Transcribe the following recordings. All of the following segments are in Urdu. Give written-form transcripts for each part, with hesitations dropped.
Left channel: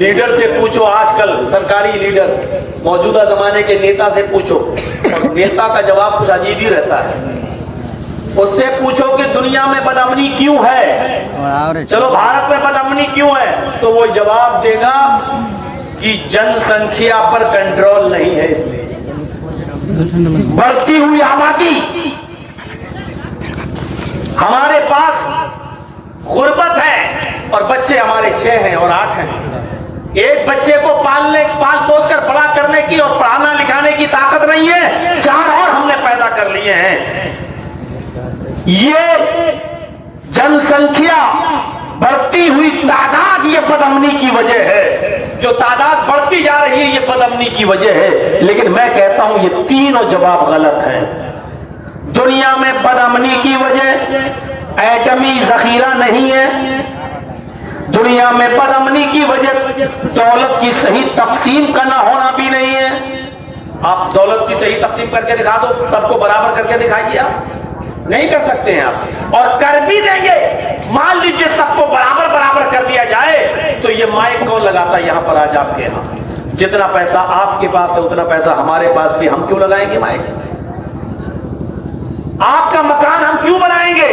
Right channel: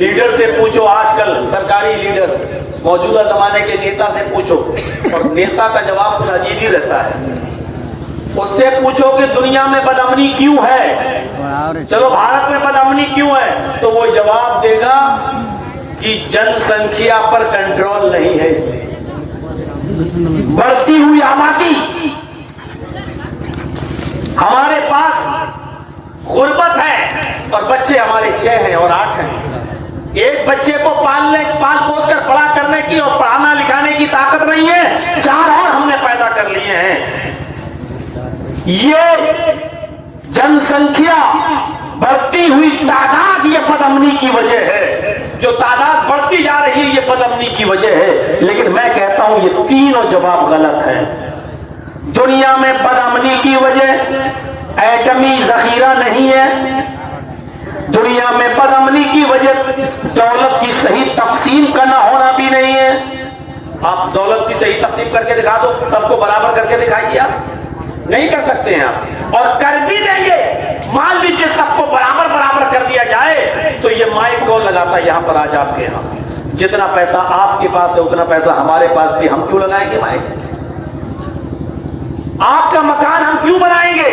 لیڈر سے پوچھو، آج کل سرکاری لیڈر موجودہ زمانے کے نیتا سے پوچھو، اور نیتا کا جواب خود عجیب ہی رہتا ہے۔ اس سے پوچھو کہ دنیا میں بدامنی کیوں ہے، چلو بھارت میں بدامنی کیوں ہے، تو وہ جواب دے گا کہ جن سنکھیا پر کنٹرول نہیں ہے، اس لیے بڑھتی ہوئی آبادی، ہمارے پاس غربت ہے اور بچے ہمارے 6 ہیں اور 8 ہیں۔ ایک بچے کو پال پوس کر بڑا کرنے کی اور پڑھانا لکھانے کی طاقت نہیں ہے، 4 اور ہم نے پیدا کر لیے ہیں۔ یہ جن سنکھیا بڑھتی ہوئی تعداد یہ بدامنی کی وجہ ہے، جو تعداد بڑھتی جا رہی ہے یہ بدامنی کی وجہ ہے۔ لیکن میں کہتا ہوں یہ تینوں جواب غلط ہیں۔ دنیا میں بدامنی کی وجہ ایٹمی ذخیرہ نہیں ہے، دنیا میں بدامنی کی وجہ دولت کی صحیح تقسیم کا نہ ہونا بھی نہیں ہے۔ آپ دولت کی صحیح تقسیم کر کے دکھا دو، سب کو برابر کر کے دکھائیے، آپ نہیں کر سکتے ہیں آپ، اور کر بھی دیں گے۔ مان لیجیے سب کو برابر کر دیا جائے تو یہ مائک کون لگاتا ہے یہاں پر آج آپ کے یہاں؟ جتنا پیسہ آپ کے پاس ہے اتنا پیسہ ہمارے پاس بھی، ہم کیوں لگائیں گے مائک؟ آپ کا مکان ہم کیوں بنائیں گے؟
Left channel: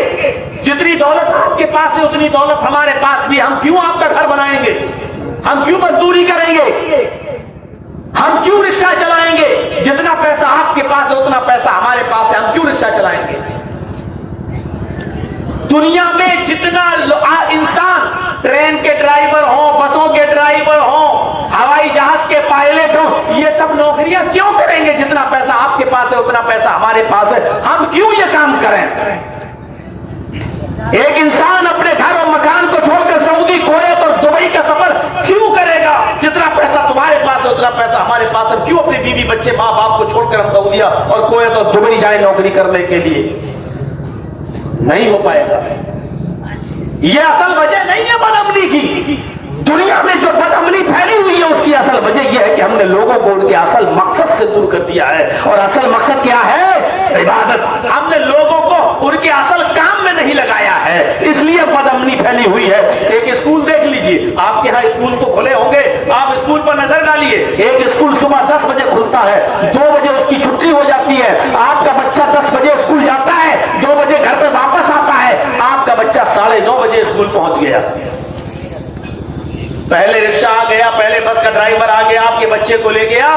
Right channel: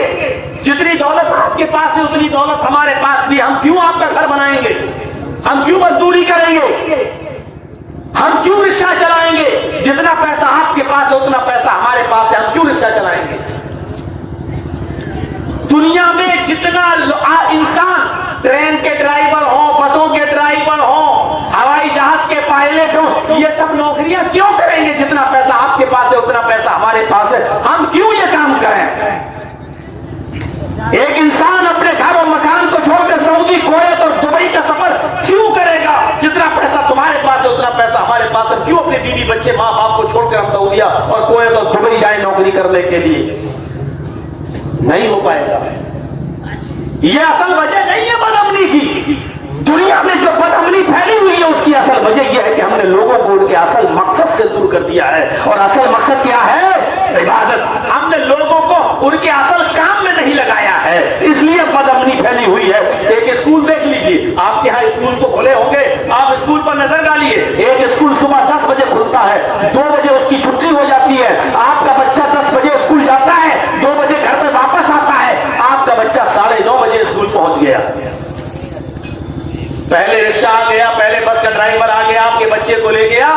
جتنی دولت آپ کے پاس ہے اتنی دولت ہمارے پاس بھی، ہم کیوں آپ کا گھر بنائیں گے؟ ہم کیوں مزدوری کریں گے؟ ہم کیوں رکشہ چلائیں گے؟ جتنا پیسہ آپ کے پاس ہے اتنا پیسہ ہمارے پاس ہے، ہم کیوں رکشہ چلائیں گے؟ دنیا میں جتنا انسان ٹرین کے ڈرائیور ہوں، بسوں کے ڈرائیور ہوں، ہوائی جہاز کے پائلٹ ہوں، یہ سب نوکریاں کیوں کریں گے؟ جتنا پیسہ آپ کے پاس ہے اتنا پیسہ ہمارے پاس ہے، ہم کیوں یہ کام کریں؟ ایک انسان اپنے گھر اور مکان کو چھوڑ کر سعودی، کویت اور دبئی کا سفر کیوں کرے گا؟ جتنا پیسہ تمہارے پاس ہے اتنا پیسہ ہمارے پاس ہے، کیوں اپنے بیوی بچے ماں باپ کو چھوڑ کر ہم سعودیہ اور کویت اور دبئی جائیں نوکری کرنے کے لیے؟ نہیں ہو پائے گا۔ یہ اصل وجہ نہیں ہے بدامنی کی۔ دنیا میں جو بدامنی پھیلی ہوئی ہے اس کی اصل وجہ یہ ہے کہ ہم نے لوگوں کو ان کے اصل مقصد سے دور کر دیا ہے، اور اصل مقصد کیا ہے؟ عبادت۔ ہم نے لوگوں کو ان کے اصل کام میں نہیں لگایا ہے، اس لیے بدامنی پھیلی ہوئی ہے۔ ایک اسکول دیکھ لیجیے، آپ کے ہاں اسکول تو کھلے ہوں گے، آپ اسکول پر نظر ڈالیے۔ ایک اسکول صبح 10 بجے کھلتا ہے، 2 بجے اس کی چھٹی ہو جاتی ہے، آپ کا بچہ 10 بجے اسکول جاتا ہے، 2 بجے گھر پہ واپس آتا ہے، آپ کا بچہ 9:30 بجے اسکول پہنچ گیا۔ پہلے رکشہ آ گیا، پہلے بس کا ڈرائیور آ گیا، آپ کے بچے کو لے گیا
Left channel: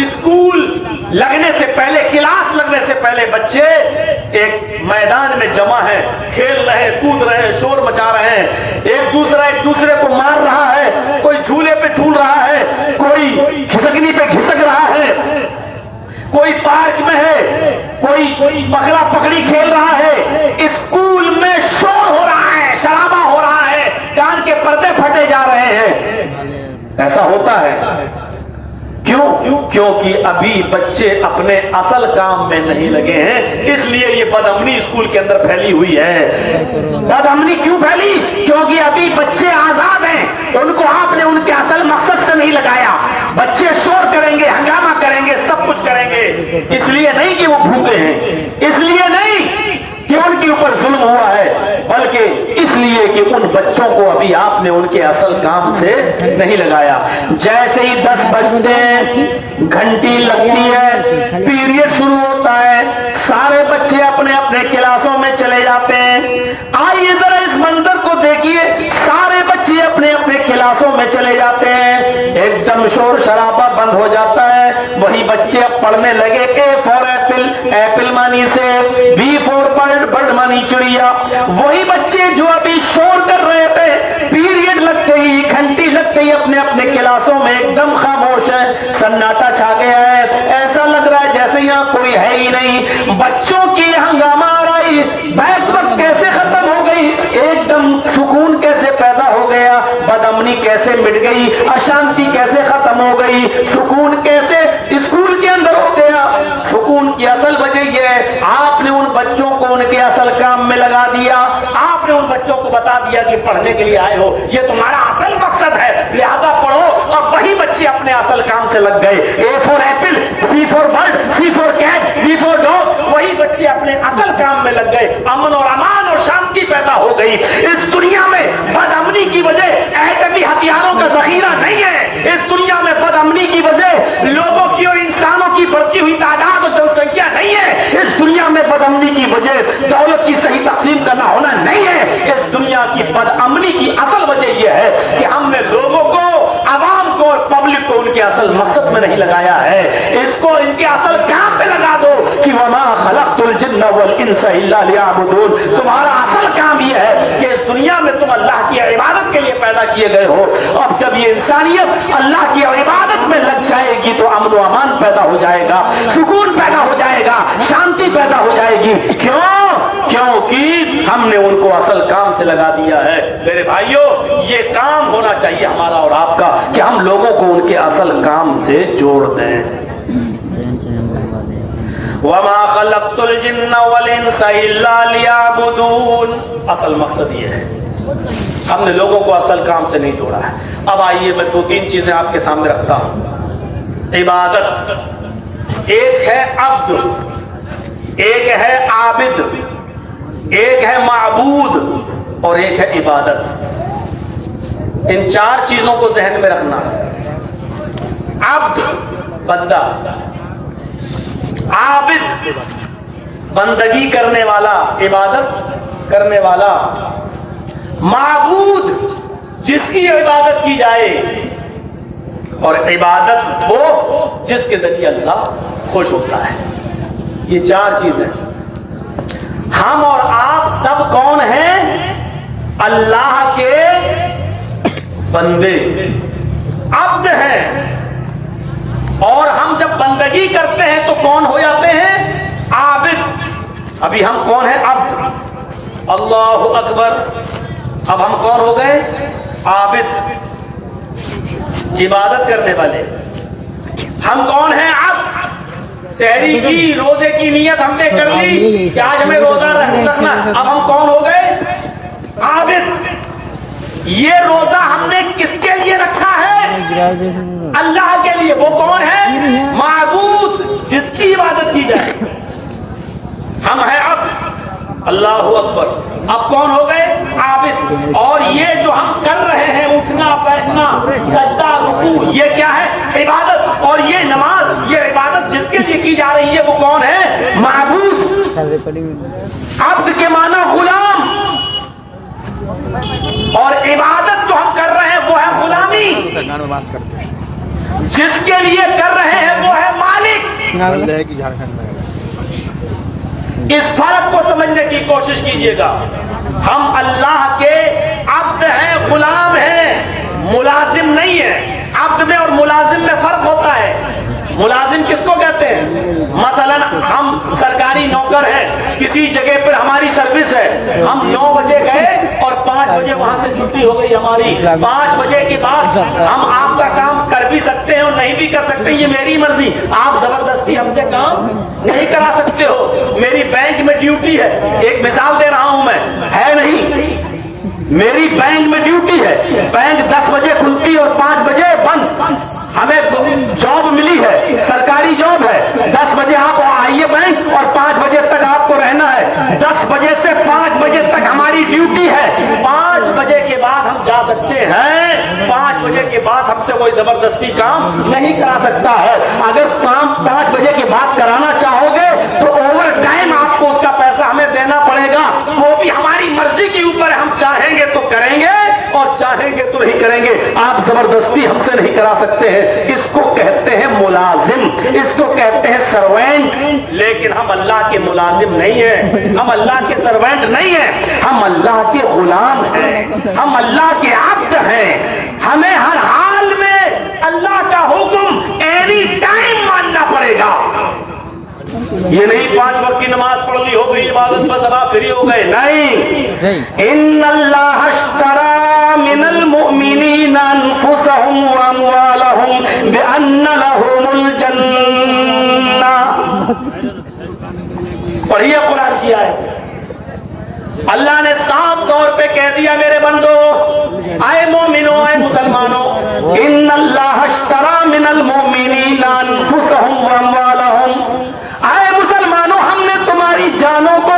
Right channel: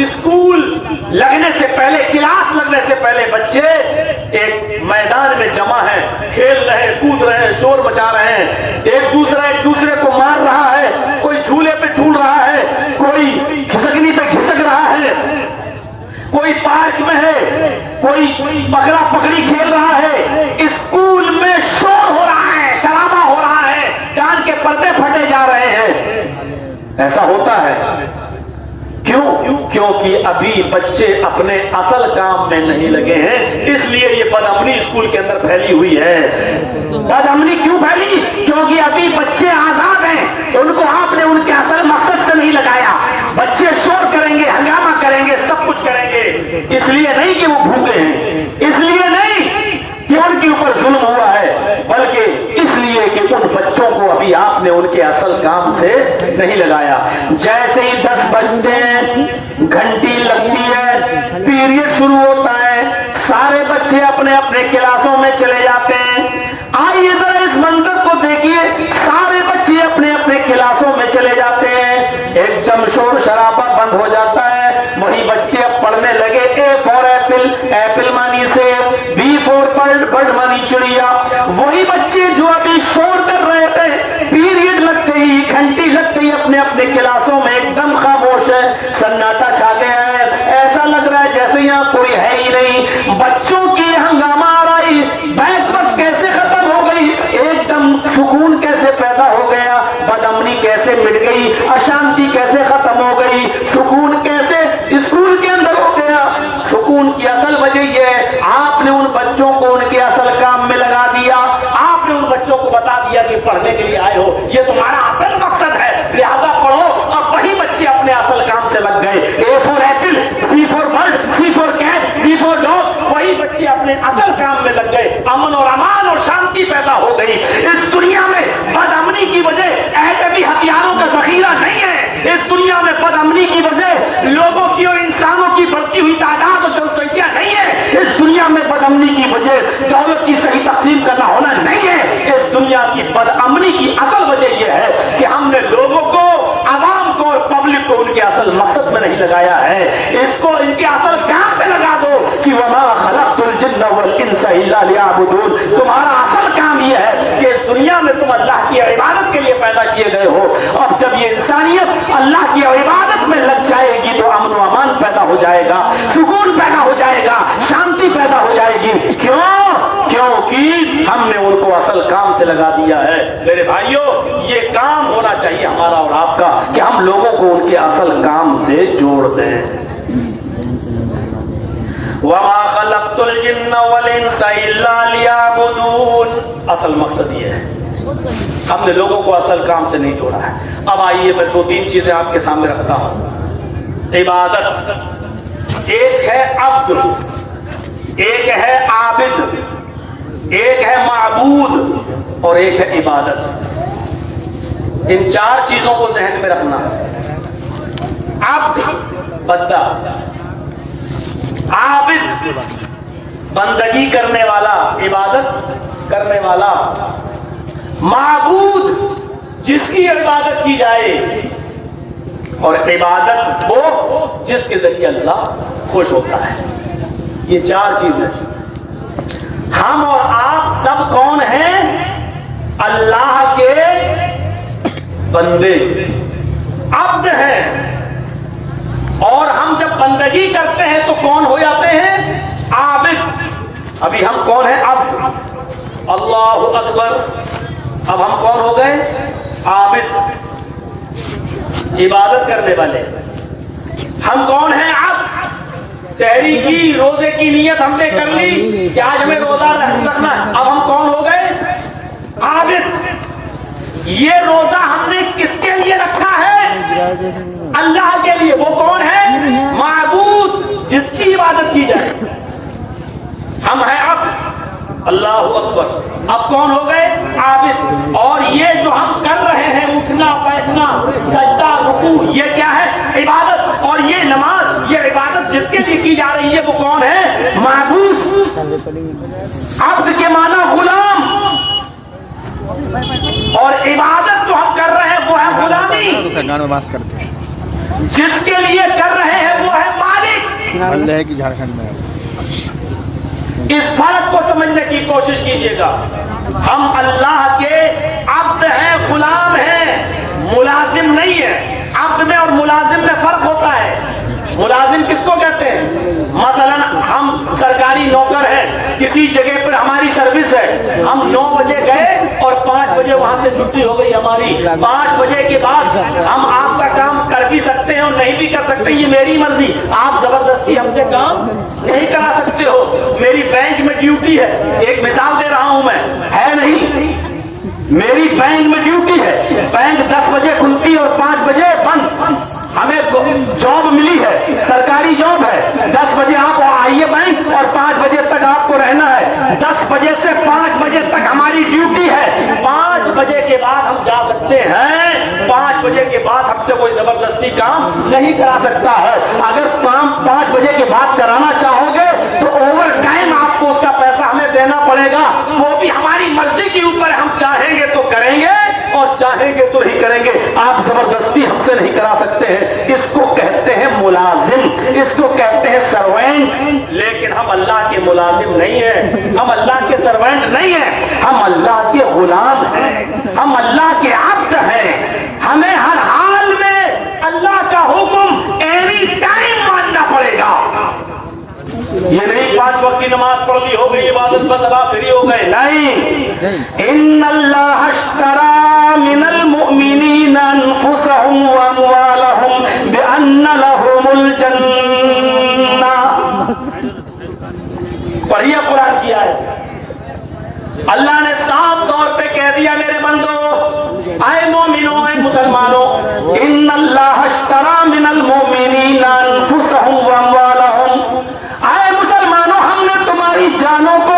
اسکول لگنے سے پہلے، کلاس لگنے سے پہلے بچے ایک میدان میں جمع ہیں، کھیل رہے، کود رہے، شور مچا رہے ہیں، ایک دوسرے کو مار رہا ہے، کوئی جھولے پہ جھول رہا ہے، کوئی گھسکنی پہ گھسک رہا ہے، کوئی پارک میں ہے، کوئی پکڑا پکڑی کھیل رہا ہے۔ اسکول میں شور ہو رہا ہے، شرابہ ہو رہا ہے، کان کے پردے پھٹے جا رہے ہیں۔ ایسا ہوتا ہے کیوں؟ کیونکہ ابھی بچے اپنے اصل کام میں نہیں لگے ہیں، اس لیے یہ بدامنی اسکول کے اندر پھیلی ہوئی ہے۔ بدامنی کیوں پھیلی؟ کیونکہ ابھی بچے آزاد ہیں، ان کو آپ نے ان کے اصل مقصد سے نہیں لگایا۔ بچے شور کریں گے، ہنگامہ کریں گے، سب کچھ کریں گے، اس لیے نہیں کہ وہ بھوکے ہیں، اس لیے نہیں کہ ان کے اوپر ظلم ہوا ہے، بلکہ اس لیے کہ ان بچوں کو ابھی آپ نے ان کے اصل کام سے نہیں لگایا۔ جیسے ہی 10 بجتے ہیں، گھنٹی لگتی ہے، پیریڈ شروع ہوتا ہے، سارے بچے اپنے اپنے کلاسوں میں چلے جاتے ہیں۔ آئیے ذرا اس منظر کو دیکھیے، سارے بچے اپنے اپنے کلاسوں میں چلے جاتے ہیں، ایک دم شور شرابہ بند ہو جاتا ہے، وہی بچے اب پڑھنے لگے، A فار ایپل، ایپل مانی سیب، B فار برڈ مانی چڑیا۔ وہی بچے جو ابھی شور کر رہے تھے، پیریڈ لگتے ہی، گھنٹی لگتے ہی اپنے اپنے کلاسوں میں ایک دم خاموش ہے، سناٹا چھا گیا ہے، ایسا لگ رہا ہے جیسے یہاں کوئی ہے ہی نہیں۔ بچوں کی ہنگامہ آ رہی، بیک وقت کیسے ختم ہو گئی، ایک دم سکون کیسے پیدا ہو گیا، بدامنی کیسے مٹ گئی، اشانتی کیسے ختم ہو گئی، سکون کیسے اسکول کے اندر ہو گیا۔ سکون کی اصل وجہ یہ ہے آپ نے ان بچوں کو ان کے اصل کام میں لگا دیا، آپ نے ان بچوں کو بتا دیا کہ پڑھنے کے لیے آئے ہو، یہ تمہارا اصل مقصد ہے، لہذا پڑھو، اور وہی بچے اپنے اصل کام سے لگ گئے۔ A for apple, B for bird, C for cat, D for dog, وہی بچے اپنے اصل کام میں لگ گئے، امن اور امان اور شانتی پیدا ہو گئی۔ اس دنیا میں بدامنی کی وجہ ایٹمی ہتھیاروں کا ذخیرہ نہیں ہے، بدامنی کی وجہ لوگوں کی اور انسانوں کی بڑھتی ہوئی تعداد اور جن سنکھیا نہیں ہے. اس دنیا میں بدامنی کی وجہ دولت کی صحیح تقسیم کرنا ہونا نہیں ہے. اس دنیا کی بدامنی کی اصل وجہ یہ ہے کہ ہم نے لوگوں کو، عوام کو اور پبلک کو ان کے اصل مقصد میں نہیں لگایا ہے. اس کو ان کے اصل کام پہ لگا دو کہ وما خلقت الجن والانس الا لیعبدون. تمہارا اصل کام یہ ہے کہ اس دنیا میں تم اللہ کی عبادت کے لیے پیدا کیے گئے ہو. اور جب یہ انسانیت اللہ کی عبادت میں لگ جائے گی تو امن و امان پیدا ہو جائے گا، سکون پیدا ہو جائے گا، شانتی پیدا ہو جائے گی. کیونکہ ہم نے ان کو اصل کام سے لگا دیا ہے. میرے بھائیوں، یہ کام ہونا چاہیے ہمارا اور آپ کا کہ ہم لوگوں کو ان کے اصل کام سے جوڑ دیں. وَمَا خَلَقْتُ الْجِنَّ وَالْإِنسَ إِلَّا لِيَعْبُدُونَ. اصل مقصد یہ ہے، ہم نے لوگوں کو اصل کام سے نہیں جوڑا ہے. اب آئیے میں 2-3 چیزیں آپ کے سامنے رکھتا ہوں. عبادت، ایک ہے عبد، ایک ہے عابد، ایک ہے معبود اور ایک ہے عبادت. ان 4 چیزوں کو ذہن میں رکھنا. عبد بندہ، عابد بندگی کرنے والا، عبادت کرنے والا، معبود جس کی عبادت کی جائے، اور عبادت وہ جس کے ذریعے اللہ خوش ہوتا ہے. یہ 4 چیزیں. ہم اور آپ سب کون ہیں؟ اللہ کے بندے، عبد ہیں. اور ہم جب بندگی کرتے ہیں تو کون ہو جاتے ہیں؟ عابد. ابھی ہم کون ہیں؟ عبد. اللہ اکبر. اب ہم کون ہو گئے؟ عابد، عبادت کرنے والے. ہم کون ہیں؟ عبد. سحری کی، روزے کی نیت ہم نے کر لی کہ آج ہمیں روزہ رکھنا ہے. اب ہم کون ہو گئے؟ عابد. یہ روزہ ہم نے کس کے لیے رکھا ہے؟ اللہ کے لیے. وہ کون ہے؟ معبود جس کی عبادت کی جائے. ہم ہیں عبد. اللہ اکبر. اب کون ہو گئے؟ عابد. اور یہ جو ہم کر رہے ہیں، اٹھنا بیٹھنا، سجدہ رکوع، یہ کیا ہے؟ عبادت. اور یہ نماز، یہ عبادت جس کے لیے کی جا رہی ہے وہ کون ہے؟ معبود. عبد کے معنی غلام، اور عبادت جو ہم کر رہے ہیں وہ ہے غلامی. جس کے لیے کر رہے ہیں وہ ہے مالک. اس فرق کو سمجھنے کی کوشش کیجئے گا. ہم اللہ کے عبد ہیں، غلام ہیں، ملازم نہیں ہیں. عبد میں اور ملازم میں فرق ہوتا ہے. ملازم کس کو کہتے ہیں؟ مثلا ہم سرکاری نوکر ہیں، کسی جگہ پر ہماری سروس ہے، ہم 9 بجے گئے اور 5 بجے وہاں سے چھٹی ہو گئی ہماری. 5 بجے کے بعد ہم آپ کا کام کر بھی سکتے ہیں اور نہیں بھی کر سکتے، یہ میری مرضی. آپ زبردستی ہم سے کام نہیں کرا سکتے ہو. میری بینک میں ڈیوٹی ہے، ایک مثال دے رہا ہوں میں، ہے نہیں، میری بینک میں ڈیوٹی ہے. بینک 10 بجے کھلتی اور 5 بجے بند. ہمیں جاب ملی ہے، سرکاری جاب ہے. 10 بجے آپ آئیے بینک اور 5 بجے تک آپ کو رہنا ہے. 10 بجے سے 5 بجے تک ہماری ڈیوٹی ہے. 5 بجے کے بعد ہم جا سکتے ہیں. 5 بجے کے بعد ہم سے کوئی زبردستی کام نہیں کرا سکتا ہے. اگر 5 بجے کے بعد کرانا چاہو گے تو اوور ٹائم آپ کو اس کا پیسہ ہمیں دینا پڑے گا. وہ بھی ہماری مرضی کے اوپر. ہم چاہیں گے تو کریں گے اور چاہیں گے تو نہیں کریں گے. آپ زبردستی ہم سے نہیں کرا سکتے ہیں. اس کو کہتے ہیں ملازم، اس کو کہتے ہیں سروینٹ. لیکن ہم اللہ کے ملازم نہیں ہیں، ہم اللہ کے سروینٹ نہیں ہیں، ہم اللہ کے غلام ہیں، ہم اللہ کے عبد ہیں. ہمیں ہر حال میں اللہ کا حکم اینی ٹائم ماننا پڑے گا. یہ نہیں 5 وقت کی نماز پڑھ لی، ہو گئی عبادت، بس اب آپ فری ہو گئے. نہیں. ان اللہ اشترى من المؤمنین انفسهم واموالهم بان لهم الجنہ. پڑھیے قرآن کی آیت. اللہ نے صاف طور پہ کہہ دیا میرے بندو، اے مومنو، اے مسلمانوں، ان اللہ اشترى من المؤمنین انفسهم واموالهم. جانوں کو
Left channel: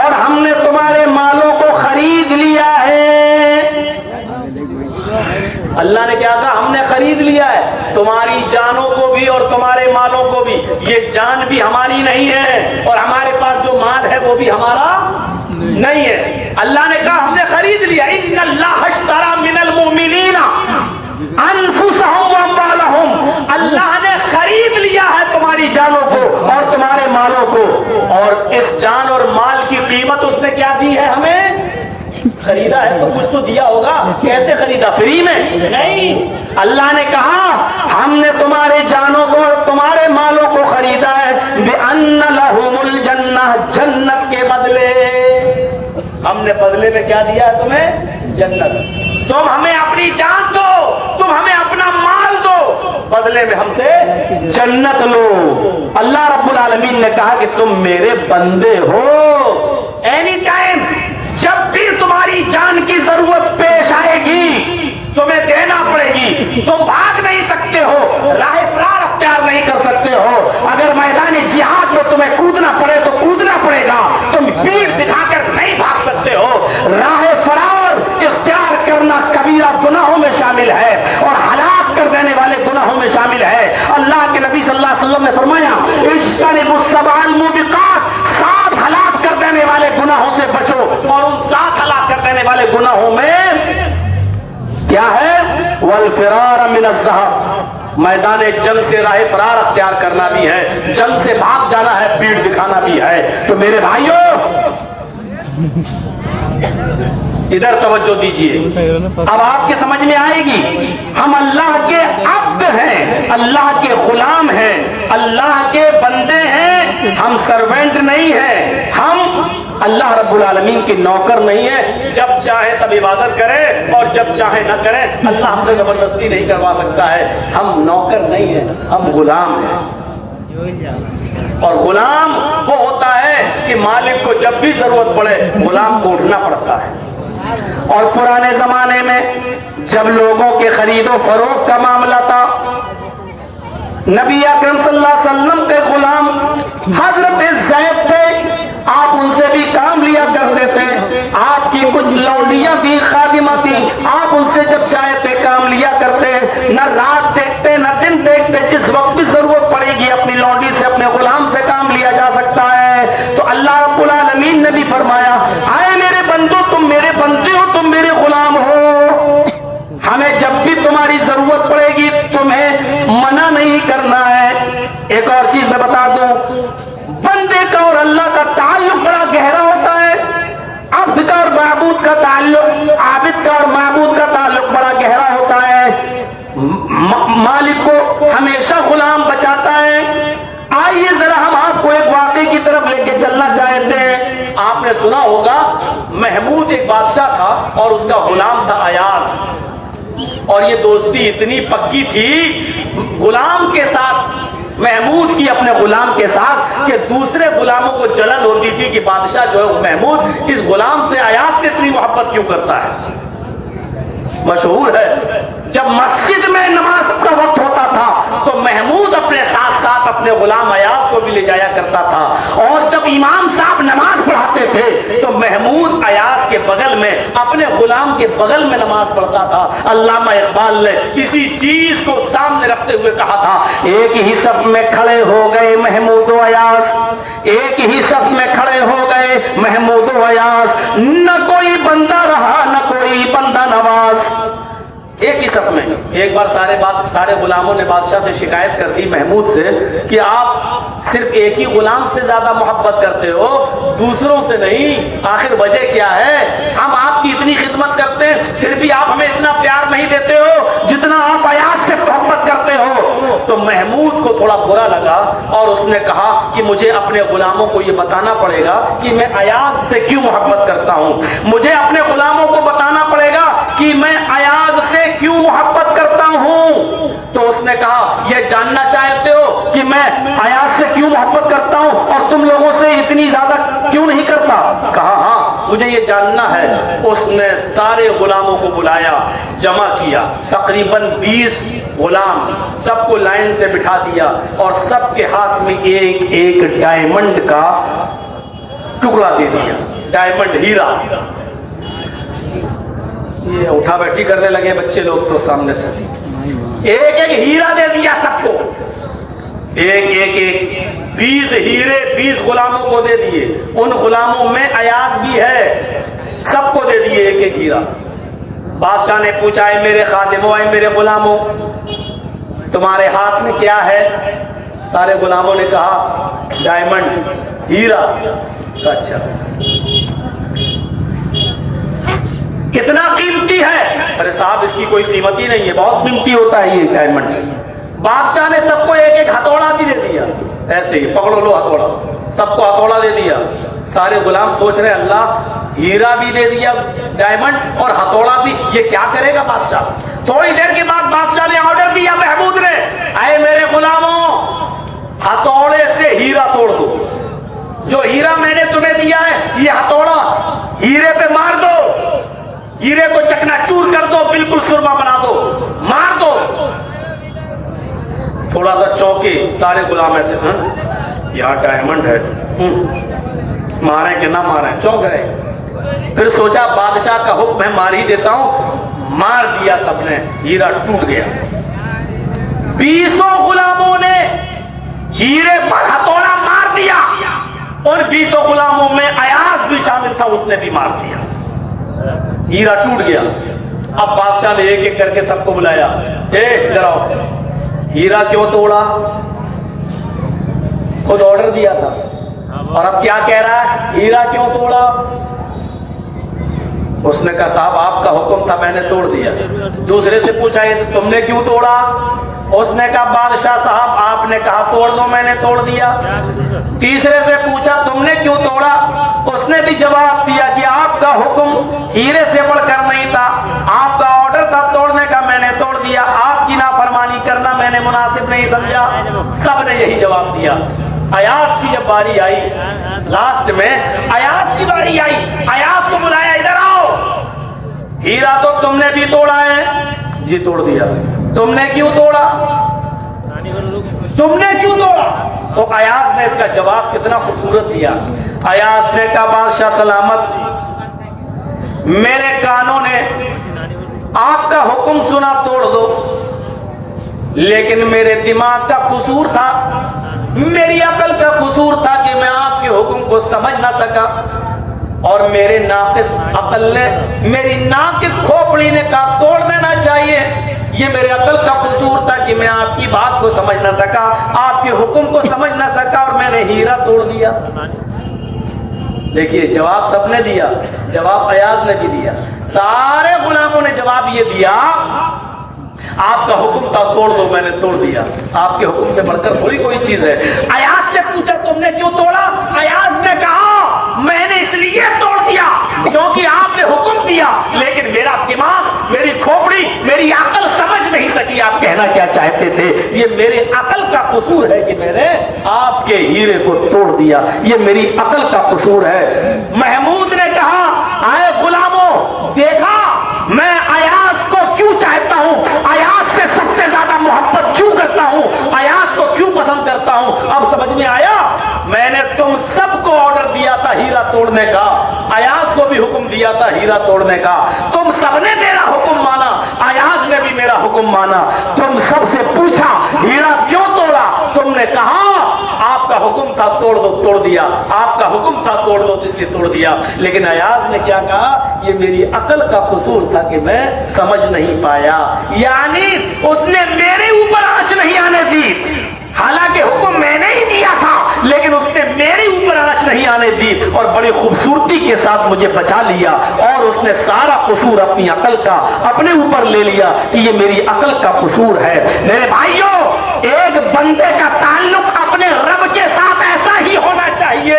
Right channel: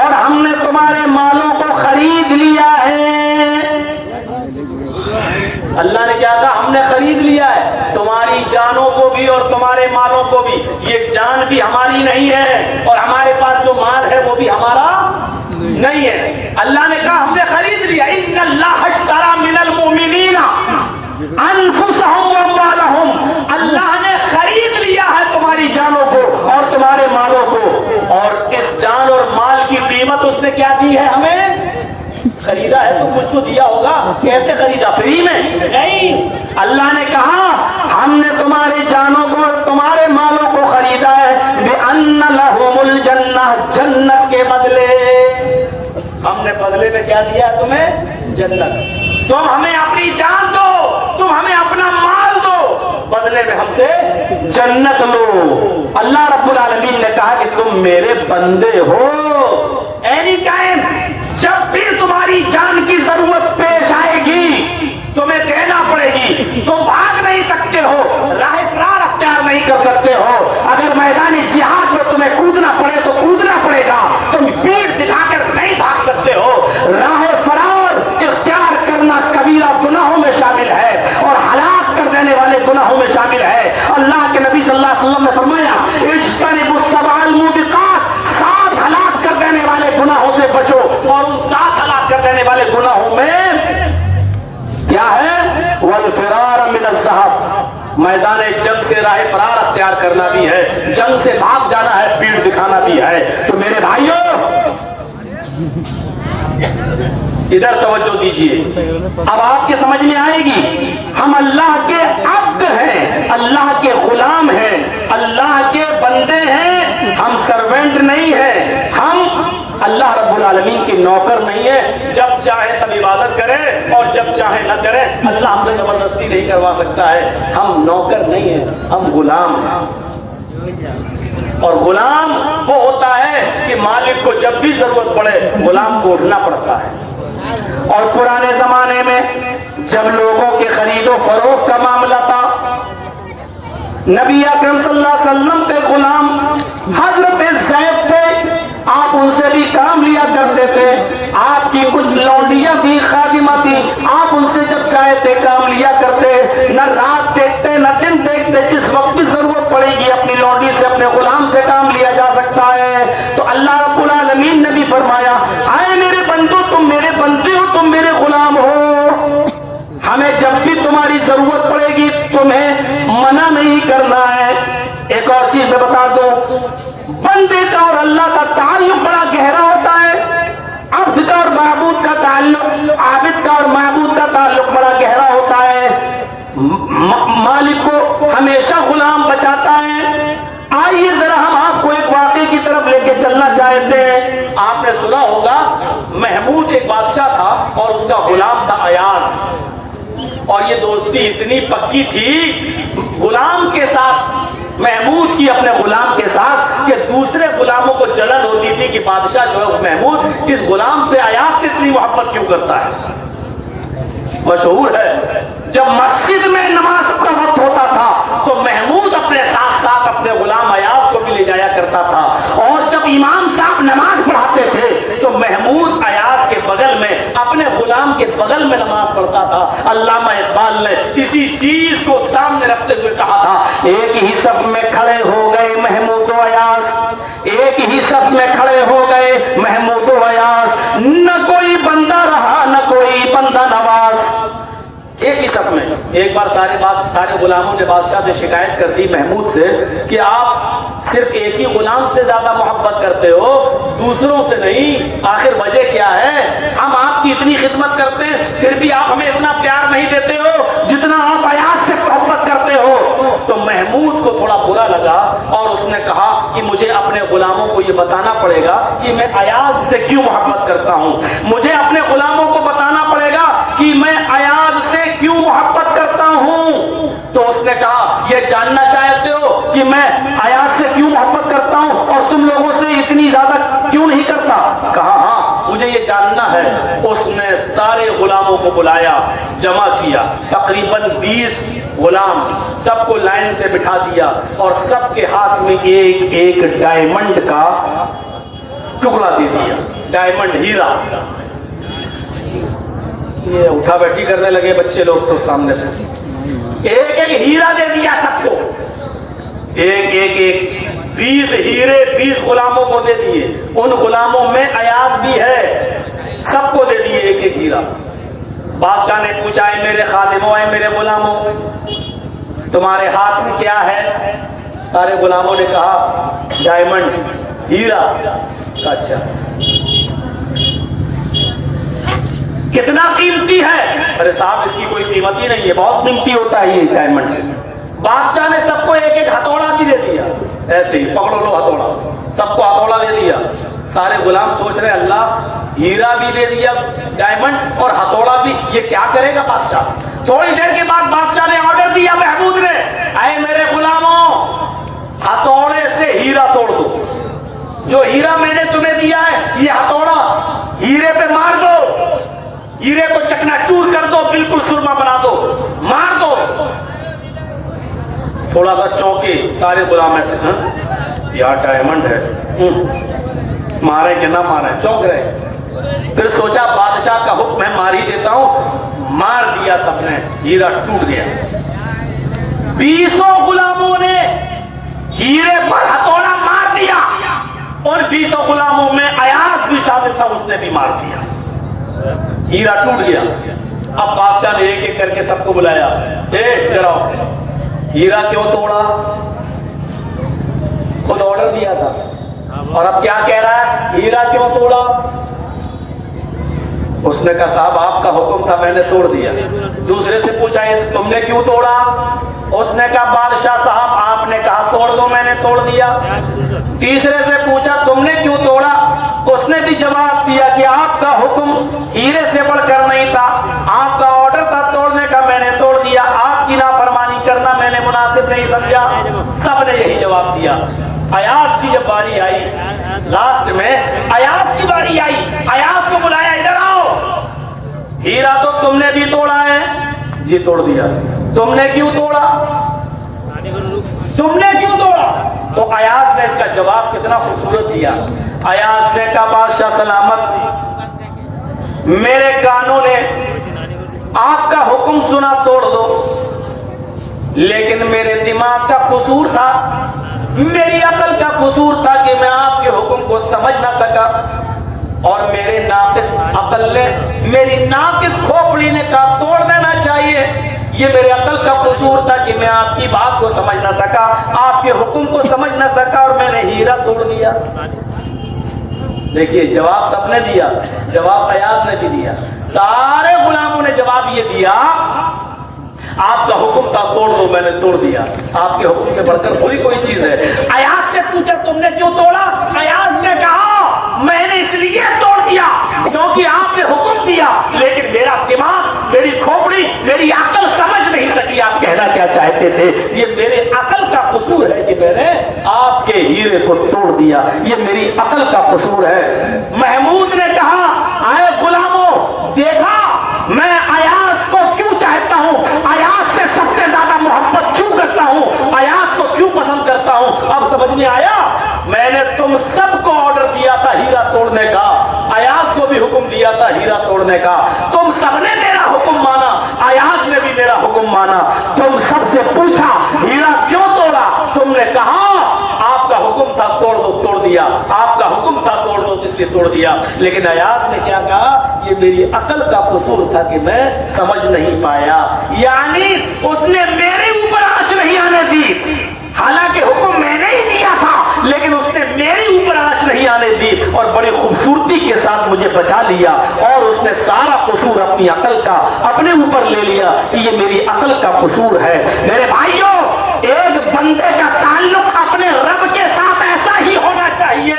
اور ہم نے تمہارے مالوں کو خرید لیا خرید لیا ہے، تمہاری جانوں کو بھی اور تمہارے مالوں کو بھی. یہ جان بھی ہماری نہیں ہے اور ہمارے پاس جو مال ہے وہ بھی ہمارا نہیں ہے. اللہ نے کہا ہم نے خرید لیا. ان اللہ اشتری من المؤمنین انفسهم واموالهم، اللہ نے خرید لیا ہے تمہاری جانوں کو اور تمہارے مالوں کو. اور اس جان اور مال کی قیمت اس نے کیا دی ہے؟ ہمیں خریدا ہے تو کچھ تو دیا ہوگا. کیسے خریدا؟ فری میں نہیں. اللہ نے کہا ہم نے تمہارے جانوں کو تمہارے مالوں کو خریدا ہے بِأَنَّ لَهُمُ الْجَنَّةَ، جنت کے بدلے. ہم نے بدلے میں کیا دیا ہے تمہیں؟ جنت. تم ہمیں اپنی جان دو، تم ہمیں اپنا مال دو، بدلے میں ہم سے جنت لو. اللہ رب العالمین نے کہا کہ تم میرے بندے ہو. اینی ٹائم جب بھی تمہاری جان کی ضرورت پیش آئے گی تمہیں دینا پڑے گی. تم بھاگ نہیں سکتے ہو، راہ فرار اختیار نہیں کر سکتے ہو. اگر میدان جہاد میں تمہیں کودنا پڑے تو کودنا پڑے گا. تم پیٹھ دکھا کر نہیں بھاگ سکتے ہو. راہ فرار اختیار کرنا کبیرہ گناہوں میں شامل ہے اور ہلاک کر دینے والے گناہوں میں شامل ہے. اللہ کے نبی صلی اللہ علیہ وسلم نے فرمایا اجتنبوا السبع الموبقات، 7 ہلاک کر دینے والے گناہوں سے بچو. اور ان 7 ہلاک کر دینے والے گناہوں میں کیا ہے؟ والفرار من الذهب، میدان جنگ سے راہ فرار اختیار کرنا بھی ہے، جنگ سے بھاگ جانا ہے، پیٹھ دکھانا بھی ہے. تو میرے بھائیوں ادھر توجہ دیجئے. اب آپ کے سمجھ میں آئے گی ہم اللہ کے عبد ہیں، اللہ کے غلام ہیں، اللہ کے بندے ہیں. ہم سرونٹ نہیں ہیں، ہم اللہ رب العالمین کے نوکر نہیں ہے. جب چاہے تب عبادت کرے اور جب چاہے نہ کرے. اللہ ہم سے زبردستی نہیں کروا سکتا ہے. ہم نوکر نہیں ہیں، ہم غلام ہیں. اور غلام وہ ہوتا ہے کہ مالک کو جب بھی ضرورت پڑے غلام کو اٹھنا پڑتا ہے. اور پرانے زمانے میں جب لوگوں کے خرید و فروخت کا معاملہ تھا، نبی اکرم صلی اللہ علیہ وسلم کے غلام حضرت زید تھے. آپ ان سے بھی کام لیا کرتے تھے. آپ کی کچھ لونڈیاں تھی، خادمہ تھی، آپ ان سے جب چاہتے کام لیا کرتے. نہ رات دیکھتے نہ دن دیکھتے، جس وقت بھی ضرورت پڑے گی اپنی لونڈی سے اپنے غلام سے کام لیا جا سکتا ہے. تو اللہ رب العالمین نے بھی فرمایا اے میرے بندو تم میرے بندے ہو، تم میرے غلام ہو. ہمیں جب بھی تمہاری ضرورت پڑے گی تمہیں منع نہیں کرنا ہے. ایک اور چیز میں بتا دوں، بندے کا اور اللہ کا تعلق بڑا گہرا ہوتا ہے. عبد کا اور معبود کا تعلق، عابد کا اور معبود کا تعلق بڑا گہرا ہوتا ہے. مالک کو ہمیشہ غلام بچاتا ہے. آئیے ذرا ہم آپ کو ایک واقعے کی طرف لے کے چلنا چاہتے ہیں. آپ نے سنا ہوگا محمود ایک بادشاہ تھا اور اس کا غلام تھا ایاز. اور یہ دوستی اتنی پکی تھی غلام کے ساتھ، محمود کی اپنے غلام کے ساتھ، کہ دوسرے غلاموں کو جلن ہوتی تھی کہ بادشاہ جو ہے محمود اس غلام سے ایاز سے اتنی محبت کیوں کرتا ہے. مشہور ہے جب مسجد میں نماز کا وقت ہوتا تھا تو محمود اپنے ساتھ ساتھ اپنے غلام ایاز کو بھی لے جایا کرتا تھا. اور جب امام صاحب نماز پڑھاتے تھے تو محمود ایاز کے بغل میں اپنے غلام کے بغل میں نماز پڑھتا تھا. علامہ اقبال نے اسی چیز کو سامنے رکھتے ہوئے کہا تھا ایک ہی صف میں کھڑے ہو گئے محمود و ایاز، ایک ہی صف میں کھڑے ہو گئے محمود و ایاز، نہ کوئی بندہ رہا نہ کوئی بندہ نواز. ایک ہی صف میں. ایک بار سارے غلاموں نے بادشاہ سے شکایت کر دی محمود سے کہ آپ صرف ایک ہی غلام سے زیادہ محبت کرتے ہو، دوسروں سے نہیں. آخر وجہ کیا ہے؟ ہم آپ کی اتنی خدمت کرتے ہیں پھر بھی آپ ہمیں اتنا پیار نہیں دیتے ہو جتنا آپ ایاز سے محبت کرتے ہو. تو محمود کو تھوڑا برا لگا اور اس نے کہا کہ مجھے اپنے غلاموں کو یہ بتانا پڑے گا کہ میں ایاز سے کیوں محبت کرتا ہوں. مجھے اپنے غلاموں کو بتانا پڑے گا کہ میں ایاز سے کیوں محبت کرتا ہوں. تو اس نے کہا یہ جاننا چاہتے ہو کہ میں ایاز سے کیوں محبت کرتا ہوں اور تم لوگوں سے اتنی زیادہ کیوں نہیں کرتا؟ کہا ہاں مجھے یہ جاننا ہے. اس نے سارے غلاموں کو بلایا، جمع کیا، تقریباً 20 غلام، سب کو لائن سے بٹھا دیا اور سب کے ہاتھ میں ایک ایک ڈائمنڈ کا ٹکڑا دے دیا. ڈائمنڈ، ہیرا. یہ اٹھا بیٹھی کرنے لگے بچے لوگ تو سامنے سے. ایک ایک ہیرا دے دیا سب کو، ایک 20 ہیرے 20 غلاموں کو دے دیے، ان غلاموں میں ایاز بھی ہے، سب کو دے دیے ایک ایک ہیرا۔ بادشاہ نے پوچھا اے میرے خادموں، اے میرے غلاموں، تمہارے ہاتھ میں کیا ہے؟ سارے غلاموں نے کہا ڈائمنڈ، ہیرا۔ اچھا کتنا قیمتی ہے؟ ارے صاحب اس کی کوئی قیمت ہی نہیں ہے، بہت قیمتی ہوتا ہے یہ ڈائمنڈ۔ بادشاہ نے سب کو ایک ایک ہتھوڑا بھی دے دیا، ایسے ہی پکڑو لو ہتھوڑا، سب کو ہتھوڑا دے دیا۔ سارے غلام سوچ رہے اللہ ہیرا بھی دے دیا ڈائمنڈ اور ہتھوڑا بھی، یہ کیا کرے گا بادشاہ؟ تھوڑی دیر کے بعد بادشاہ نے آرڈر دیا محمود نے، اے میرے غلاموں ہتھوڑے سے ہیرا توڑ دو، جو ہیرا میں نے تمہیں دیا ہے یہ ہتھوڑا ہیرے پہ مار دو، ہیرے کو چکنا چور کر دو، بالکل سرما بنا دو، مار دو۔ تھوڑا سا چونکے سارے غلام ایسے، یار ڈائمنڈ ہے، مارے کہ نہ مارے، چونک رہے۔ پھر سوچا بادشاہ کا حکم ہے مار ہی دیتا ہوں، مار دیا سب نے، ہیرا ٹوٹ گیا۔ 20 غلاموں نے ہیرے پر ہتھوڑا مار دیا، اور 20 غلاموں میں ایاز بھی شامل تھا، اس نے بھی مار دیا، ہیرا ٹوٹ گیا۔ اب بادشاہ نے ایک ایک کر کے سب کو بلایا، ذرا ہیرا کیوں توڑا؟ خود آرڈر دیا تھا اور اب کیا کہہ رہا ہے؟ ہیرا کیوں توڑا؟ اس نے کہا صاحب آپ کا حکم تھا میں نے توڑ دیا۔ دوسرے سے پوچھا یہ تم نے کیوں توڑا؟ اس نے کہا بادشاہ صاحب آپ نے کہا توڑ دو میں نے توڑ دیا۔ تیسرے سے پوچھا تم نے کیوں توڑا؟ اس نے بھی جواب دیا کہ آپ کا حکم ہیرے سے بڑھ کر نہیں تھا، آپ کا آرڈر تھا توڑنے کا میں نے توڑ دیا، آپ کی نافرمانی کرنا میں نے مناسب نہیں سمجھا۔ سب نے یہی جواب دیا۔ ایاز کی جب باری آئی، لاسٹ میں ایاز کی باری آئی، ایاز کو بلایا ادھر آؤ، ہیرا تو تم نے بھی توڑا ہے؟ جی توڑ دیا۔ تم نے کیوں توڑا؟ تم نے کیوں توڑا؟ تو ایاز نے اس کا جواب کتنا خوبصورت دیا۔ ایاز نے کہا بادشاہ سلامت، میرے کانوں نے آپ کا حکم سنا توڑ دو، لیکن میرے دماغ کا قصور تھا، میری عقل کا قصور تھا کہ میں آپ کے حکم کو سمجھ نہ سکا، اور میرے ناقص عقل نے، میری ناقص کھوپڑی نے کہا توڑ دینا چاہیے، یہ میرے عقل کا قصور تھا کہ میں آپ کی بات کو سمجھ نہ سکا، آپ کے حکم کو سمجھ نہ سکا، اور میں نے ہیرا توڑ دیا۔ دیکھیے جواب سب نے دیا، جواب ایاز نے بھی دیا، سارے غلاموں نے جواب یہ دیا آپ کا حکم تھا توڑ دو میں نے توڑ دیا، آپ کے حکم سے بڑھ کر تھوڑی کوئی چیز ہے۔ ایاز سے پوچھا تم نے کیوں توڑا؟ ایاز نے کہا میں نے اس لیے توڑ دیا کیونکہ آپ نے حکم دیا، لیکن میرا دماغ، میری کھوپڑی، میری عقل سمجھ نہیں سکی آپ کہنا کیا چاہتے تھے، یہ میری عقل کا قصور ہے کہ میں نے آپ کے ہیرے کو توڑ دیا، یہ میری عقل کا قصور ہے۔ محمود نے کہا اے غلاموں دیکھا میں ایاز کو کیوں چاہتا ہوں، ایاز سے سب سے زیادہ محبت کیوں کرتا ہوں، ایاز کو کیوں پسند کرتا ہوں، اب سمجھ میں آیا؟ میں نے تم سب کو آرڈر دیا تھا ہیرا توڑنے کا، ایاز کو بھی حکم دیا تھا ہیرا توڑنے کا، تم سب نے میرا حکم مانا، ایاز نے بھی میرا حکم مانا، تم سب سے پوچھا ہیرا کیوں توڑا، تم نے کہا آپ کا حکم تھا توڑ دو، توڑ دیا، آپ کا حکم تھا توڑ دو اس لیے توڑ دیا، لیکن ایاز نے کیا کہا یہ میری عقل کا قصور تھا کہ میں سمجھ نہیں پایا، یعنی اس نے میرے اوپر آنچ نہیں آنے دی، حالانکہ حکم میں نے ہی دیا تھا لیکن اس نے میرے اوپر آنچ نہیں آنے دی اور بڑی خوبصورتی کے ساتھ مجھے بچا لیا، اور اس نے سارا قصور اپنی عقل کا اپنے اوپر لے لیا کہ یہ میری عقل کا قصور ہے۔ میرے بھائیوں ایک بندے کا تعلق اپنے رب کے ساتھ ایسا ہی ہونا چاہیے،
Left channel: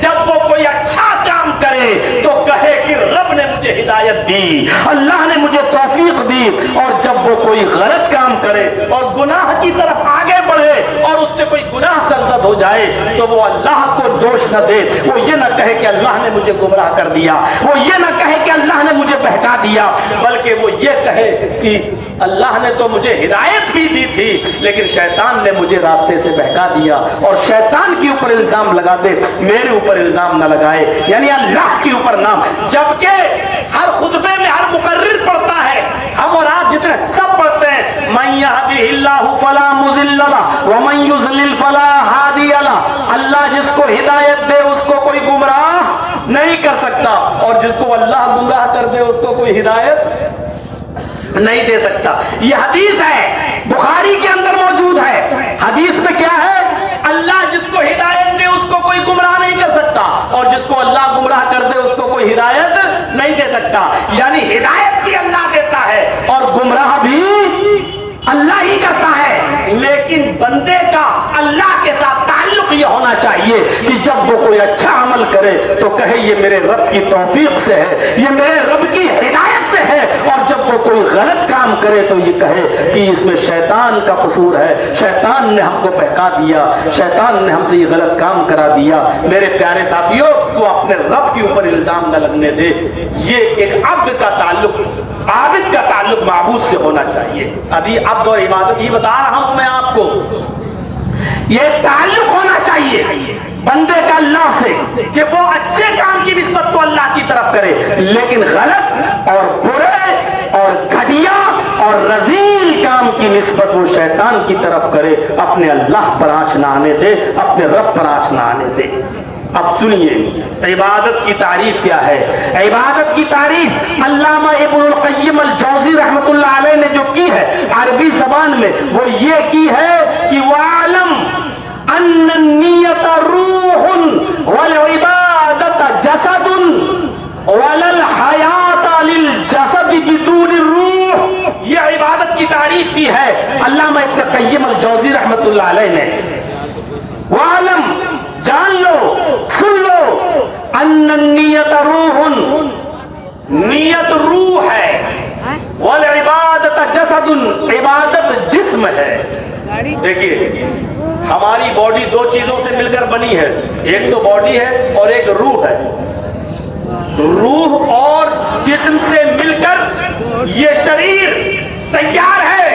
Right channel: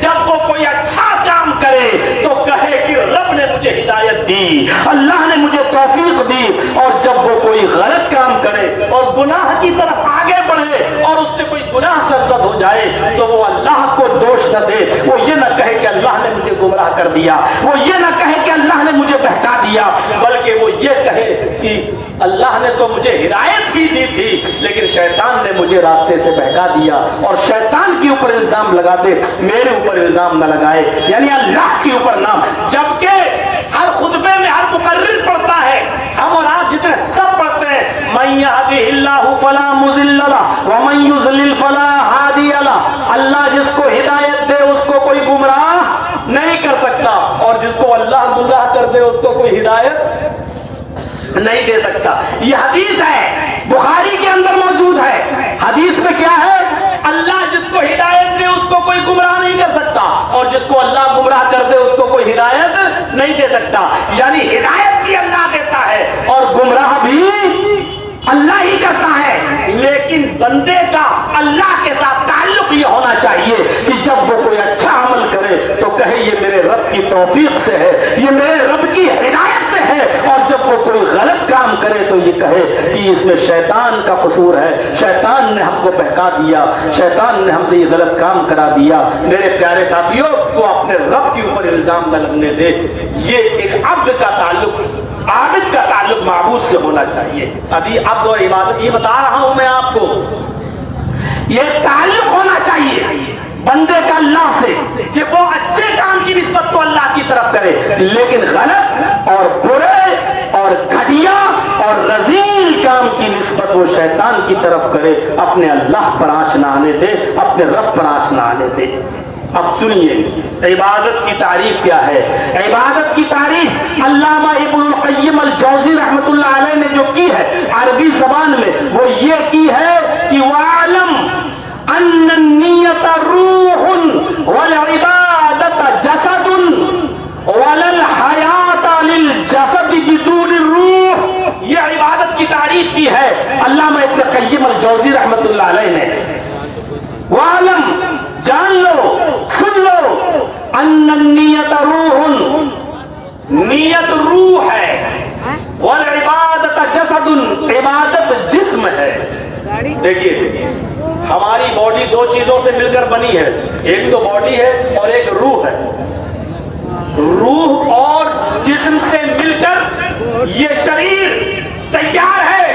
جب وہ کوئی اچھا کام کرے تو کہے کہ رب نے مجھے ہدایت دی، اللہ نے مجھے توفیق دی، اور جب وہ کوئی غلط کام کرے اور گناہ کی طرف آگے بڑھے اور اس سے کوئی گناہ سرزد ہو جائے تو وہ اللہ کو دوش نہ دے، وہ یہ نہ کہے کہ اللہ نے مجھے گمراہ کر دیا، وہ یہ نہ کہے کہ اللہ نے مجھے بہکا دیا، بلکہ وہ یہ کہے کہ اللہ نے تو مجھے ہدایت ہی دی تھی لیکن شیطان نے مجھے راستے سے بہکا دیا، اور شیطان کے اوپر الزام لگا دے، میرے اوپر الزام نہ لگائے، یعنی اللہ کے اوپر نام۔ جبکہ ہر خطبے میں ہر مقرر پڑھتا ہے، ہم اور آپ جتنے سب پڑھتے ہیں، من يهده الله فلا مضل له ومن يضلل فلا هادي له. اللہ جس کو ہدایت دے اس کو کوئی گمراہ نہیں کر سکتا، اور جس کو اللہ گمراہ کر دے اس کو کوئی ہدایت نہیں دے سکتا. یہ حدیث ہے، بخاری کے اندر موجود ہے. حدیث میں کیا ہے؟ اللہ جس کو ہدایت دے اس کو کوئی گمراہ نہیں کر سکتا، اور جس کو اللہ گمراہ کر دے اس کو کوئی ہدایت نہیں دے سکتا. یعنی ہدایت بھی اللہ دیتا ہے اور گمراہ بھی اللہ ہی کرتا ہے. لیکن بندے کا اللہ کے ساتھ تعلق یہ ہونا چاہیے کہ جب وہ کوئی اچھا عمل کرے تو کہے یہ میرے رب کی توفیق سے ہے، یہ میرے رب کی ہدایت سے ہے، اور جب وہ کوئی غلط کام کرے تو یہ کہے کہ اس میں شیطان کا قصور ہے، شیطان نے ہم کو بہکا دیا، شیطان نے ہم سے یہ غلط کام کرا دیا. میرے پیارے ساتھیوں، وہ اپنے رب کے اوپر الزام نہ لگنے دے. یہ ایک عبد کا تعلق، عابد کا تعلق معبود سے ہونا چاہیے. ابھی عبد اور عبادت یہ بتا رہا ہوں میں آپ کو، یہ تعلق ہونا چاہیے بندے کا اللہ سے کہ وہ اچھے کام کی نسبت تو اللہ کی طرف کرے، لیکن غلط اور برے اور گھٹیا اور رذیل کام کی نسبت وہ شیطان کی طرف کرے. اپنے اللہ پر آنچ نہ آنے دے، اپنے رب پر آنچ نہ آنے دے. اب سنیے عبادت کی تعریف کیا ہے. عبادت کی تعریف علامہ ابن القیم الجوزی رحمۃ اللہ علیہ نے جو کی ہے عربی زبان میں، وہ یہ کی ہے کہ وَعَلَمْ أَنَّ النِّيَّةَ رُوحٌ وَالْعِبَادَةَ جَسَدٌ وَلَا الْحَيَاةَ لِلْجَسَدِ بِدُونِ الرُّوحِ. یہ عبادت کی تعریف کی ہے علامہ ابن القیم الجوزی رحمۃ اللہ علیہ نے. وَعَلَمْ جان لو، سن لو، ان النیت روح، نیت روح ہے، والعبادت جسد، عبادت جسم ہے. دیکھیے ہماری باڈی دو چیزوں سے مل کر بنی ہے، ایک تو باڈی ہے اور ایک روح ہے. روح اور جسم سے مل کر یہ شریر تیار ہے.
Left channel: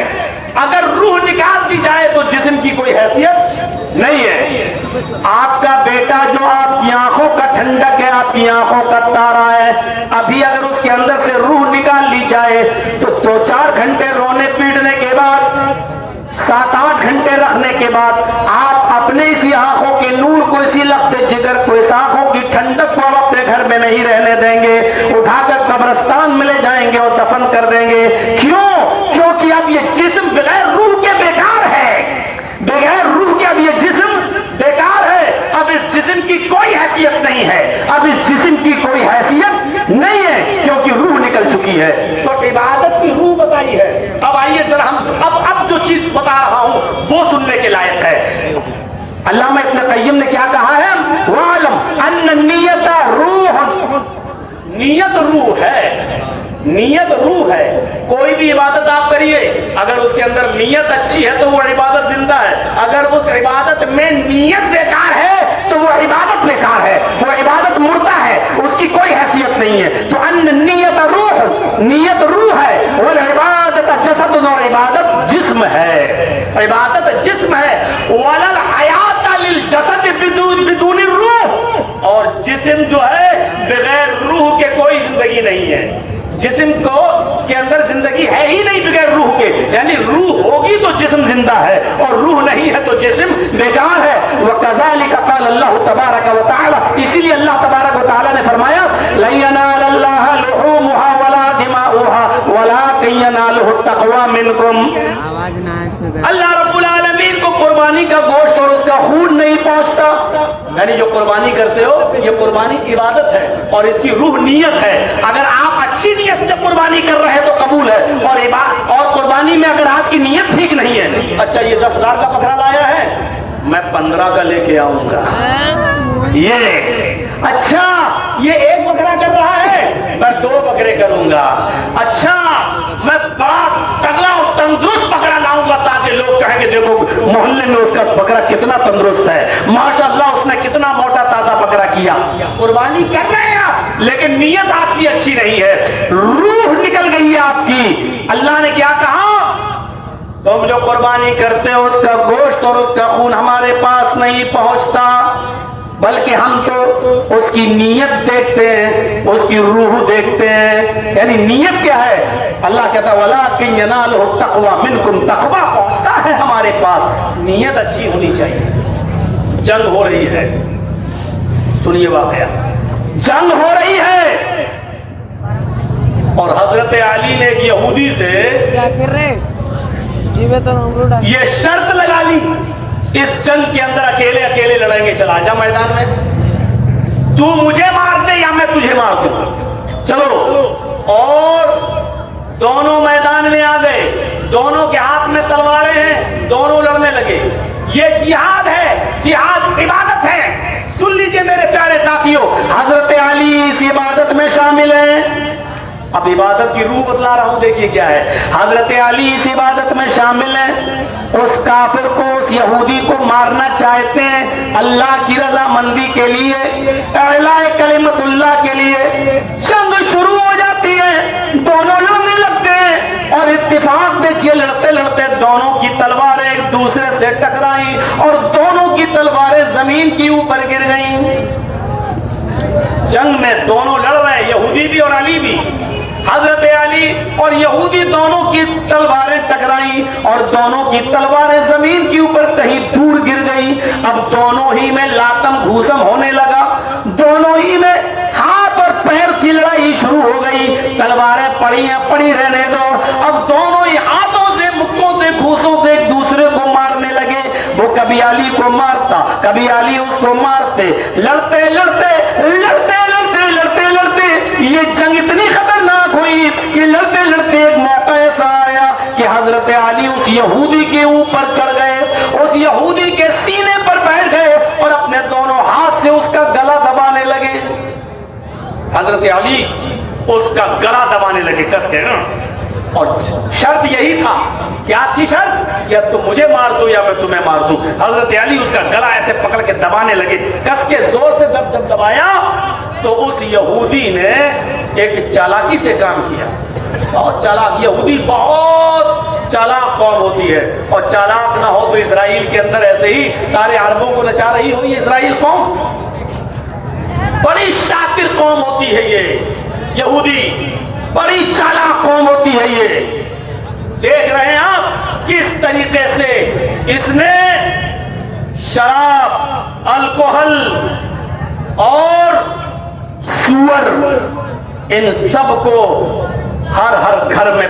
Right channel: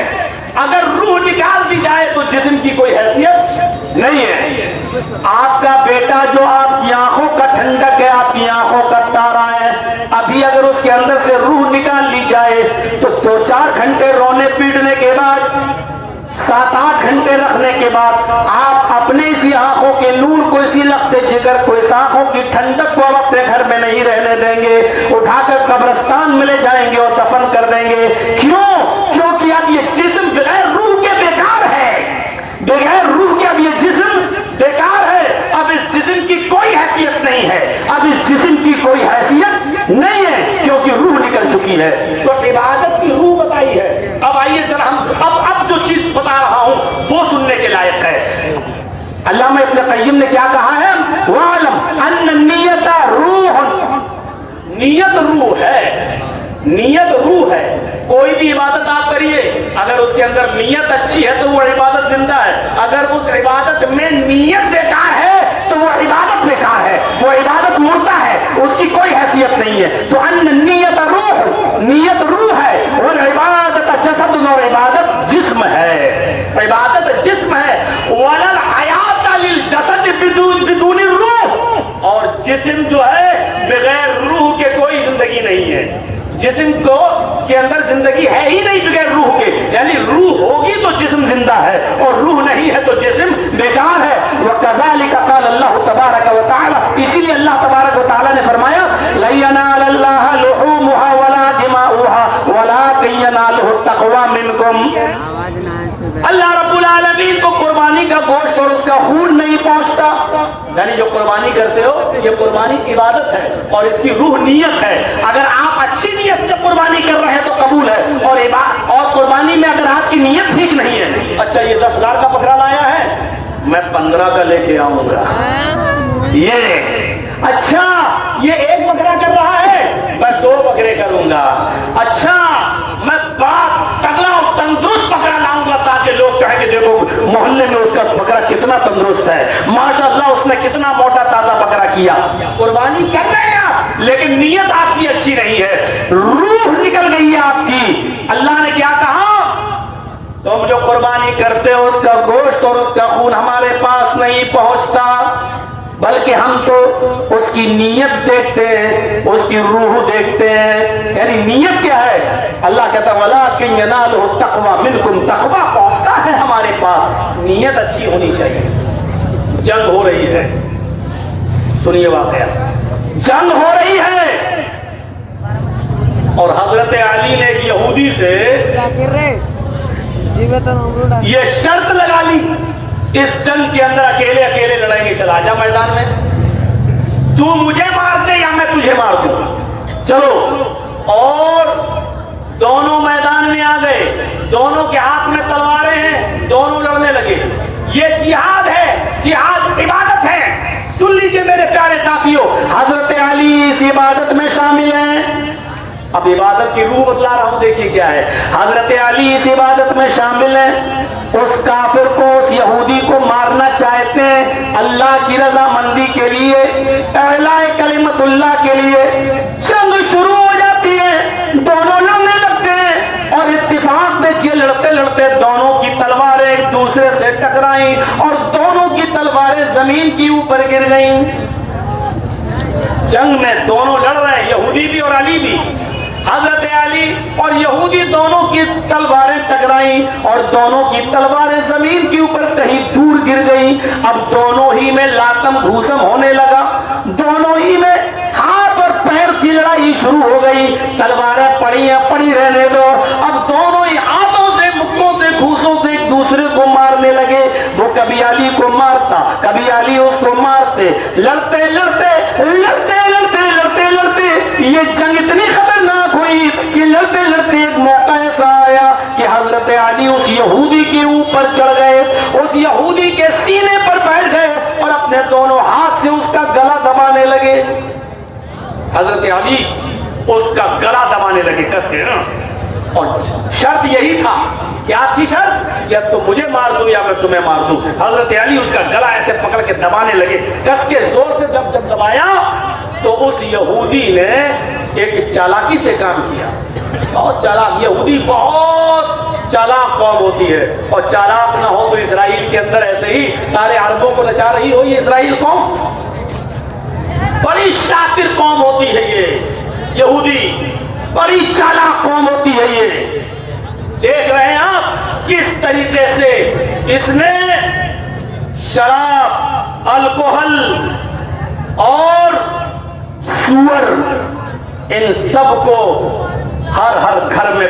اگر روح نکال دی جائے تو جسم کی کوئی حیثیت نہیں ہے. آپ کا بیٹا جو آپ کی آنکھوں کا ٹھنڈک ہے، آپ کی آنکھوں کا تارا ہے، ابھی اگر اس کے اندر سے روح نکال لی جائے تو 2-4 گھنٹے رونے پیٹنے کے بعد، 7-8 گھنٹے رکھنے کے بعد آپ اپنے اسی آنکھوں کے نور کو، اسی لخت جگر کو، اس آنکھوں کی ٹھنڈک کو اپنے گھر میں نہیں رہنے دیں گے، اٹھا کر قبرستان میں لے جائیں گے اور دفن کر دیں گے. کیوں؟ کیونکہ اب یہ جسم بغیر روح کے بیکار ہے. بغیر روح کے اب یہ جسم بیکار ہے. اب اس جسم کی کوئی حیثیت نہیں ہے، اب اس جسم کی کوئی حیثیت نہیں ہے کیونکہ روح نکل چکی ہے. تو عبادت کی روح بتائی ہے. اب آئیے ذرا ہم اب جو چیز بتا رہا ہوں وہ سننے کے لائق ہے. علامہ ابن قیم نے کیا کہا ہے؟ وَعَلَمْ أَنَّ النِّيَّةَ رُوحٌ. نیت روح ہے، نیت روح ہے. کوئی بھی عبادت آپ کریے، اگر اس کے اندر نیت اچھی ہے تو وہ عبادت زندہ ہے. اگر اس عبادت میں نیت بیکار ہے تو وہ عبادت بیکار ہے، وہ عبادت مردہ ہے، اس کی کوئی حیثیت نہیں ہے. تو ان نیت روح، نیت روح ہے، والعبادت جسد، اور عبادت جسم ہے. عبادت جسم ہے. وَلَا الْحَيَاةَ لِلْجَسَدِ بِدُونِ الرُّوحِ. اور جسم جو ہے بغیر روح کے کوئی زندگی نہیں ہے. جسم کو کے اندر زندگی ہے ہی نہیں بغیر روح کے. یعنی روح ہوگی تو جسم زندہ ہے، اور روح نہیں ہے تو جسم بیکار ہے. وَكَذَلِكَ قَالَ اللَّهُ تَبَارَكَ وَتَعَالَى. اسی لیے اللہ تبارک و تعالیٰ نے فرمایا لَن يَنَالَ اللَّهَ لُحُومُهَا وَلَا دِمَاؤُهَا وَلَكِن يَنَالُهُ التَّقْوَىٰ مِنكُمْ. اللہ رب العالمین کو قربانی کا گوشت اور اس کا خون نہیں پہنچتا. یعنی جو قربانی کرتے ہو یہ قربانی عبادت ہے اور اس کی روح نیت ہے. اگر آپ اچھی نیت سے قربانی کر رہے ہیں تو قبول ہے، اور قربانی میں اگر آپ کی نیت ٹھیک نہیں ہے، اچھا یہ 10,000 کا بکرا لایا ہے، میں 15 کا لے کے آؤں گا. یہ اچھا یہ ایک بکرا کر رہا ہے، میں 2 بکرے کروں گا. اچھا میں بڑا تگڑا اور تندرست بکرا لاؤں گا تاکہ لوگ کہیں کہ دیکھو محلے میں اس کا بکرا کتنا تندرست ہے، ماشاءاللہ اس نے کتنا موٹا تازہ بکرا کیا. قربانی کر رہے ہیں آپ، لیکن نیت آپ کی اچھی نہیں ہے، روح نکل گئی ہے آپ کی. اللہ نے کیا کہا؟ تم جو قربانی کرتے ہو اس کا گوشت اور اس کا خون ہمارے پاس نہیں پہنچتا. بلکہ ہم تو اس کی نیت دیکھتے ہیں، اس کی روح دیکھتے ہیں. یعنی نیت کیا ہے؟ اللہ کہتا وَلَٰكِن يَنَالُهُ التَّقْوَىٰ مِنْكُمْ، تقویٰ پہنچتا ہے ہمارے پاس، نیت اچھی ہونی چاہیے. جنگ ہو رہی ہے، سنیے واقعہ، جنگ ہو رہی ہے اور حضرت علی نے ایک یہودی سے یہ شرط لگا لی، اس جنگ کے اندر اکیلے اکیلے لڑیں گے، چلا جا میدان میں، تو مجھے مار دے یا میں تجھے مار دوں، چلو. اور دونوں میدان میں آ گئے، دونوں کے ہاتھ میں تلواریں ہیں، دونوں لڑنے لگے. یہ جہاد ہے، جہاد عبادت ہے. سن لیجئے میرے پیارے ساتھیوں، حضرت علی اس عبادت میں شامل ہیں. اب عبادت کی روح بتلا رہا ہوں، دیکھیے کیا ہے. حضرت علی اس عبادت میں شامل ہیں، اس کافر کو، اس یہودی کو مارنا چاہتے ہیں اللہ کی رضامندی کے لیے، اعلاء کلمت اللہ کے لیے. جنگ شروع ہو جاتی ہے، دونوں لڑنے لگتے ہیں اور اتفاق دیکھیے، لڑتے لڑتے دونوں کی تلواریں ایک دوسرے سے ٹکرائیں اور دونوں کی تلواریں زمین کے اوپر گر گئیں. جنگ میں دونوں لڑ رہے ہیں، یہودی بھی اور علی بھی. حضرت علی اور یہودی دونوں کی تلواریں ٹکرائیں اور دونوں کی تلواریں زمین کے اوپر کہیں دور گر گئی. اب دونوں ہی میں لاتم گھوسم ہونے لگا، دونوں ہی میں ہاتھ اور پیر کی لڑائی شروع ہو گئی. تلواریں پڑی ہیں، پڑی رہنے دو. اب دونوں ہی ہاتھوں سے، مکوں سے، گھوسوں سے ایک دوسرے کو مارنے لگے. وہ کبھی علی کو مارتا، کبھی علی اس کو مارتے. لڑتے لڑتے لڑتے لڑتے لڑتے لڑتے یہ جنگ اتنی خطرناک ہوئی کہ لڑتے لڑتے ایک موقع ایسا آیا کہ حضرت علی اس یہودی کے اوپر چڑھ گئے، اس یہودی کے سینے پر بیٹھ گئے اور اپنے دونوں ہاتھ سے اس کا گلا دبانے لگے. حضرت علی اس کا گلا دبانے لگے کس کے نا. اور شرط یہی تھا، کیا تھی شرط؟ یا تم مجھے مار دو یا میں تمہیں مار دوں. حضرت علی اس کا گلا ایسے پکڑ کے دبانے لگے، کس کے زور سے جب دبایا تو اس یہودی نے ایک چالاکی سے کام کیا. بہت چالاک، یہودی بہت چالاک قوم ہوتی ہے، اور چالاک نہ ہو تو اسرائیل کے اندر ایسے ہی سارے عربوں کو نچا رہی ہو. یہ اسرائیل قوم بڑی شاطر قوم ہوتی ہے، یہ یہودی بڑی چالاک قوم ہوتی ہے. یہ دیکھ رہے ہیں آپ کس طریقے سے اس نے شراب، الکوہل اور سور، ان سب کو ہر گھر میں